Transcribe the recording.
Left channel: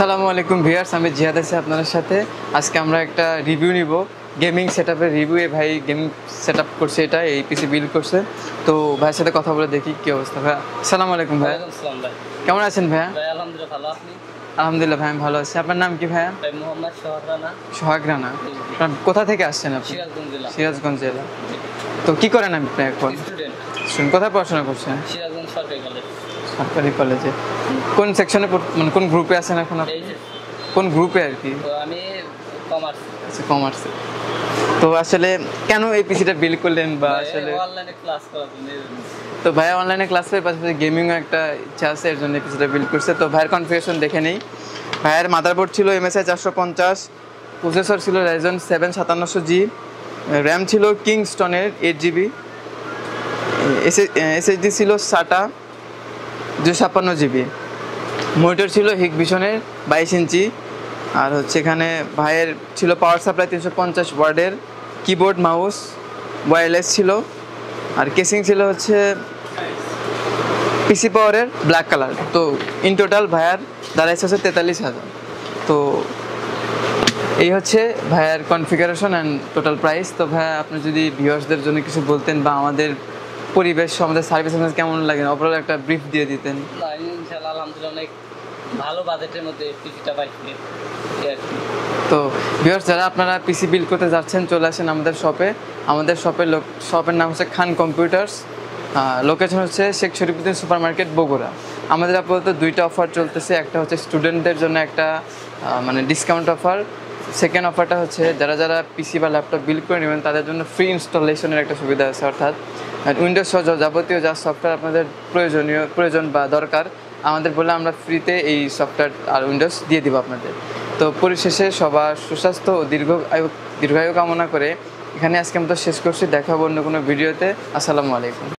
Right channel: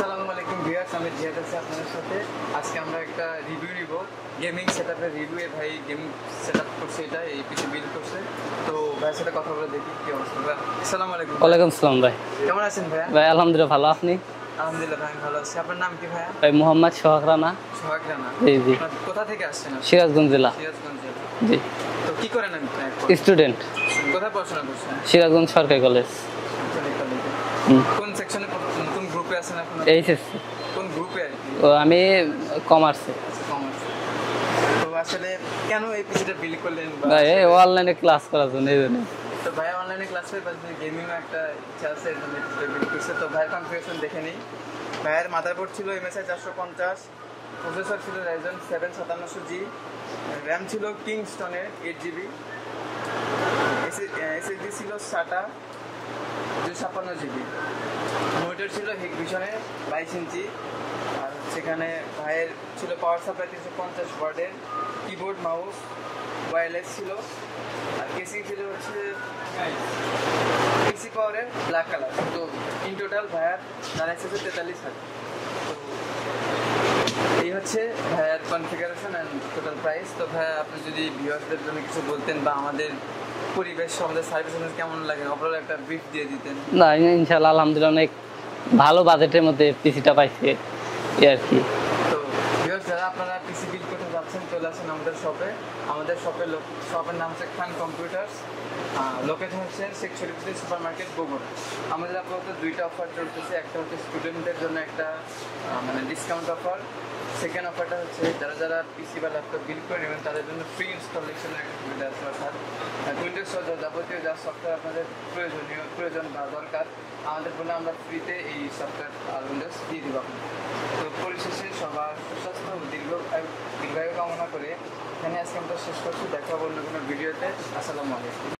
আসসালামু আলাইকুম ভিউয়ার্স, আমি জিহাদ আছি আপনাদের সাথে। আজকে আমরা একটা রিভিউ নিব, গেমিং সেটআপের রিভিউ। ভাই গেমিং সেটআপ করছে, এটা এই পিসি বিল্ড করছে। তো ভাইয়ের সাথে কথা বলে দেখি কি অবস্থা। ভাই আসসালামু আলাইকুম। ওয়ালাইকুম আসসালাম ভাই। কেমন আছেন ভাইয়া? ভাই আলহামদুলিল্লাহ ভালো, আপনি? আলহামদুলিল্লাহ ভাই আমি ভালো আছি। আপনার নাম কি ভাইয়া? ভাই মোহাম্মদ সোহাগ রানা। সোহাগ রানা। জি জি। কোথা থেকে আসছেন আপনি? সিরাজগঞ্জ জেলা। সিরাজগঞ্জ জেলা। জি। তো কি করেন আপনি এখন? স্টুডেন্ট। কোথায় পড়াশোনা করছেন? সিরাজগঞ্জ সরকারি কলেজ। সরকারি কলেজে। কোন সেকশনে মানে কোন গ্রুপে আছেন এখন? এইচএসসি। কোন গ্রুপে আর কি? তো আমি কমার্সে। আচ্ছা, কমার্সে। তো আসলে কেন এই পিসিটা বিল্ড করলেন? বা অনলাইনে ক্লাস করার জন্য। তো ভাই অনলাইনে ক্লাস করে পাশাপাশি গেমিং একটা ইচ্ছা আছে, এর জন্য পিসিটা বিল্ড করছে। তো ভাইয়ের কনফিগারেশন দেখে নেই। ভাইয়ের মাদারবোর্ড ছিল MSI 450, প্রসেসর ছিল Ryzen 7 5700G, র্যাম ছিল কিংস্টনের 8GB, SSD ছিল SATA 256GB, মনিটর ছিল হিকভিশনের 22 ইঞ্চি। আর হচ্ছে এখানে ভাইয়ের ছিল পাওয়ার সাপ্লাই 350 ওয়াটের, কিবোর্ড মাউস ওয়্যারলেস ছিল, আর কেসিং ছিল হচ্ছে পিসি পাওয়ারের ব্ল্যাক কালার। তো ইন টোটাল ভাইয়ার দাঁড়াইছে হচ্ছে 43,000। তো এই হচ্ছে ভাইয়ার কনফিগারেশন অ্যান্ড টোটাল প্রাইস। তো ভাইয়া আপনি যদি ভিউয়ার্সদের জন্য কিছু বলতেন, বা আমাদের পরিবেশ, আমাদের সার্ভিস কেমন লাগে, ওভারঅল একটা ব্রিফ দিয়ে দিতেন। না ইনশাআল্লাহ আলহামদুলিল্লাহ অনেক ভালো বাজেটের মধ্যে পিসিটা পাইছে আর কি। তো ভিউয়ার্স, যারা আপনারা পিসি বিল্ড করতে যাচ্ছেন চলে আসেন আমাদের শপে। আমাদের শপের নাম হচ্ছে খান কম্পিউটার্স। লোকেশন হচ্ছে শেখ শরীফুদ্দিন সুপার মার্কেট, বগুড়া। আমাদের আপাতত দুইটা অফার চলতেছে। একটা হচ্ছে স্টুডেন্টদের জন্য একটা মানে ডিসকাউন্ট অফার। সেকেন্ড অফারটা হচ্ছে যারা পিসি বা ল্যাপটপ বিল্ড করে নেবেন তাদের জন্য ফ্রি ইনস্টলেশনের একটা সুবিধা আছে। অর্থাৎ উইন্ডোজ সহ যাবতীয় যা সফটওয়্যার আপনাদের প্রয়োজন বা দরকার আমাদের বলে আমরা ফ্রিতে এই সফটওয়্যার আর উইন্ডোজ দিয়ে দিব আপনাদের। তো পরিশেষে সবার সুস্বাস্থ্য ও দীর্ঘায়ু কামনা করে এখানে আজকে আমরা শেষ করছি। দেখা হবে অন্য কোনো ভিডিওতে। আসসালামু আলাইকুম।